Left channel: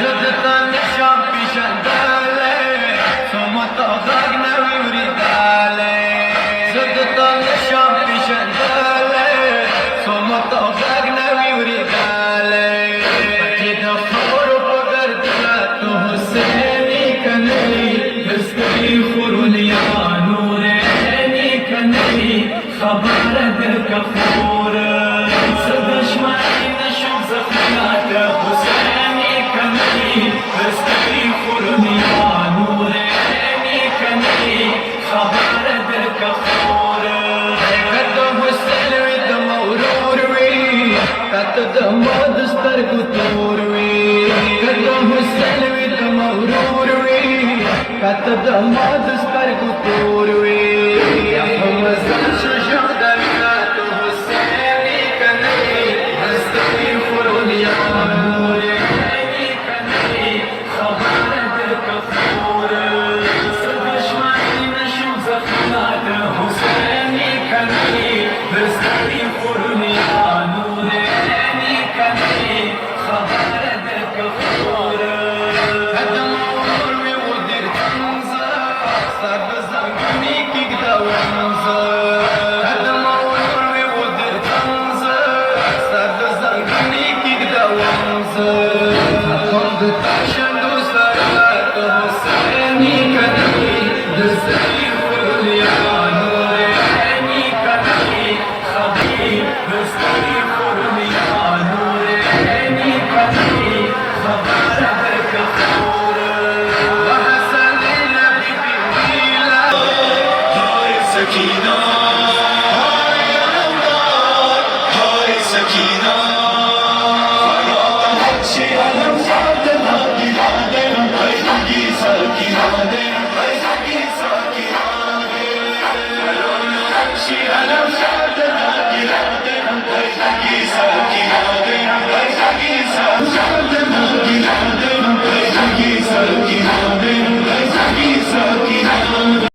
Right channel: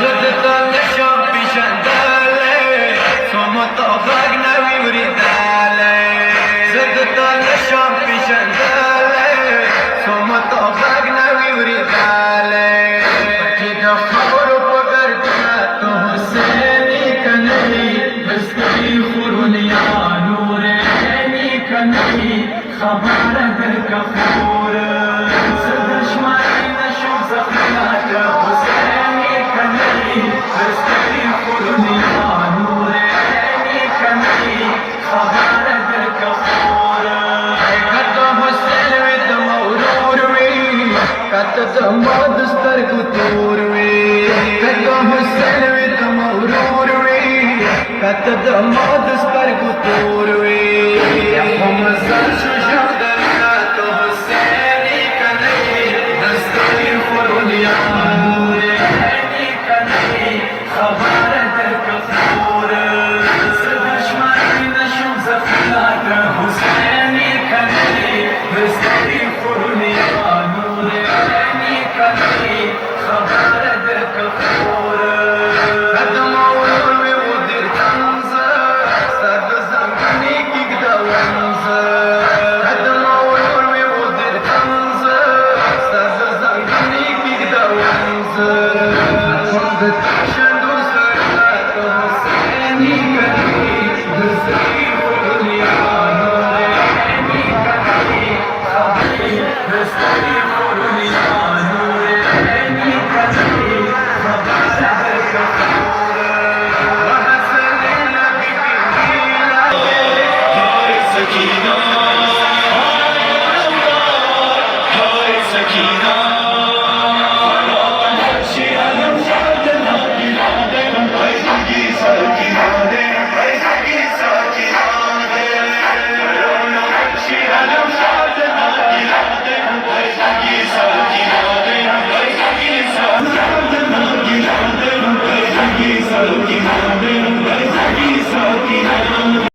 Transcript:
زدت النشم في شندالي صمت أفاقنا ويوردالي زدت النشم في شندالي صمت أفاقنا ويوردالي أكيد خبر وقردنا حسيني كني بسكي خورنيا نوريني كني خبر در كفور صدش معي نشوف زخمات حسيني كني بسكي خورنيا نوريني كني خبر در كفور قدم حسين ودم وروروي قدم دستر كتوروي قدم حسين ودم وروروي قدم دستر كتوروي يا حمزة شجاع دلات حسيني كني دستي فرنيا نوريني كني خبر در كفور صدش معي نشوف زخمات حسيني كني دستي فرنيا نوريني كني خبر